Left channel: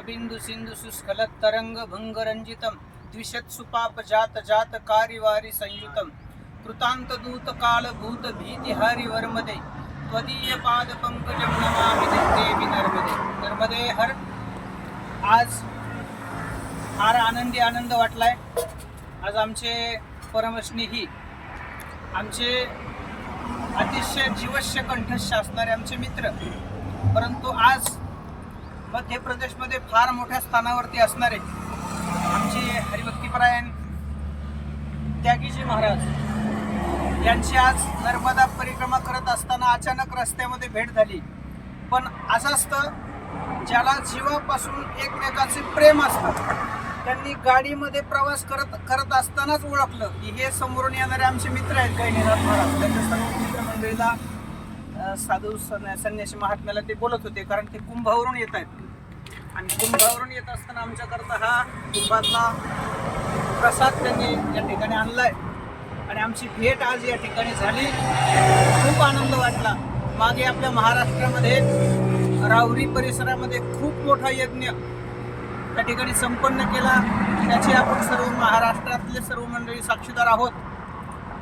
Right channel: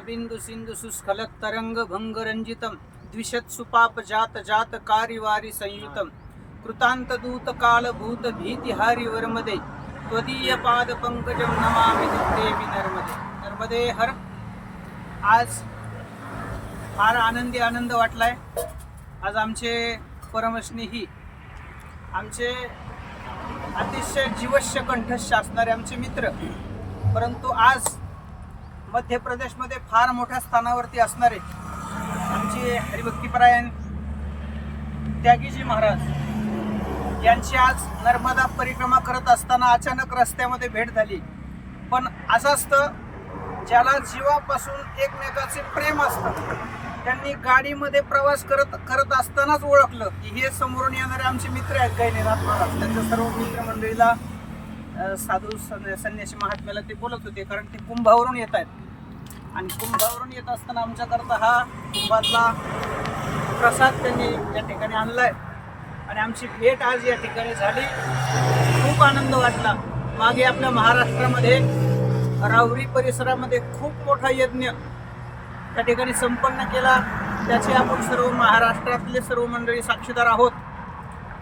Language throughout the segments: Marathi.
बिंदु सिंधु सुस्खलत तरंग भंग रंजितम द्विशत सुपाप जात जात कारिवारी संयुतम। कृतांत दूत काल भूत भीति हरि वर्मदे त्वदीय पाद पंकजम नमामि देवी नर्मदे। नर्मदे हर आज फार आनंदी आनंद वाटलाय. आज आमचे परमस्नेही आमचे अतिशय जीवश्य कंठस्थ असणारे आमचे मित्र परंतु आज मध्य प्रदेशमध्ये फार मोठ्या स्थानावरती असणारे आमचे हरिभक्तीपरायण त्यागीजी महाराज यांची आज नर्मदा परिक्रमा करत असताना अचानक रस्त्यामध्ये भेट झाली. पण असं असतं ज्याला जीवापासून एकमेकाचे प्रेम असतं त्यांनी गाडीमध्ये प्रवास करत करत असतानाच ओळखलं की हे समोरून येणारे आमचे मित्र आहेत गैनीनाथ महाराज. त्यांच्या सर्व मित्रमंडळीला साधू सन- संन्यासी महात्म्याला ते बोलत होते कारण ते कुंभावरून येत आहेत. आणि कुंभावरून येत असताना आमच्याकरता हा कुंभातला प्रसाद त्यांनी या ठिकाणी आणलाय. आणि आमची भेट आज या ठिकाणी झाली. खूप आनंद वाटला. मागे आपल्या महाराष्ट्रामध्ये रावरी परिसरामध्ये खूप मोठा यज्ञ त्या ठिकाणी संपन्न केला. त्याचे आपण सर्व महाराष्ट्रातले सर्व मंडळी साक्षीदार आहोत.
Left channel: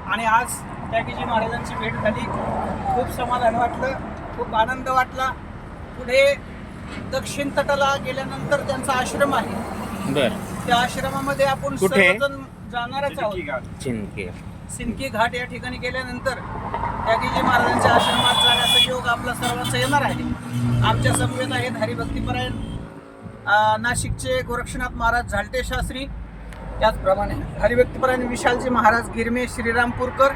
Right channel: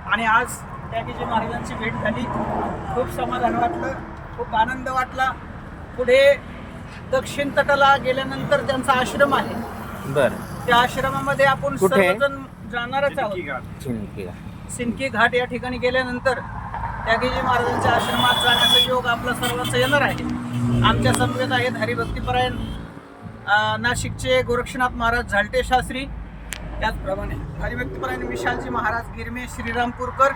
आणि आज त्यागीजी महाराजांची भेट झाली. खूप समाधान वाटलं खूप आनंद वाटला. पुढे दक्षिण तटाला गेल्यानंतर त्यांचा आश्रम आहे. बर. त्या आश्रमामध्ये आपण कुठे? सर्वजण जाणारच आहोत. चिंकी सिंदकी घाट. या ठिकाणी गेल्यानंतर त्यागीजी महाराजांच्या आश्रमात जाण्याचा योग आपला सर्वांचा येणार आहे. आमच्या समवेत आहेत हरिभक्तीपरायण अं, नाशिकचे गोरक्षनाथ महाराज झालटे शास्त्री. त्याचप्रमाणे हरिभक्तीपरायण विशालजी महाराज गिरमे श्रीरामपूरकर.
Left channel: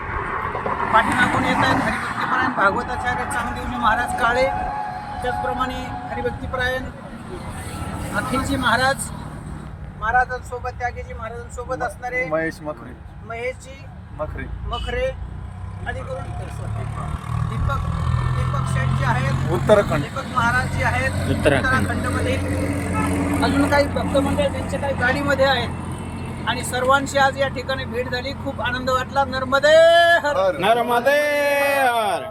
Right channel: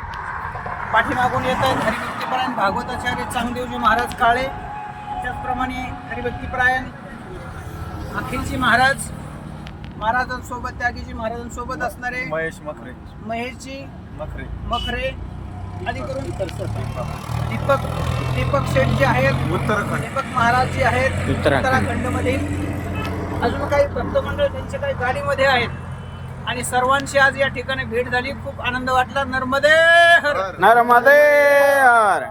पाठीमागून येत आहेत हरिभक्तीपरायण भागवताचार्य चामदेवजी महाराज काळे त्याचप्रमाणे हरिभक्तीपरायण अखिलजी महाराज महाराजांसोबत त्यागीजी महाराजांसोबत असणारे महेश मखरे. महेशजी मखरे. मखरे आदी करून दीपक. दीपक शेठ जे आहेत उत्तराखंड. दीपक महाराज जे आहेत उत्तराखंड. उत्तराखंडमध्ये. अजून काही भक्त मंडळ त्यांचे काही गाडीमध्ये आहेत. आणि सर्वांची आज या ठिकाणी भेट झाली. खूप आनंद वाटला. नर्मदे हर. नर्मदे हर.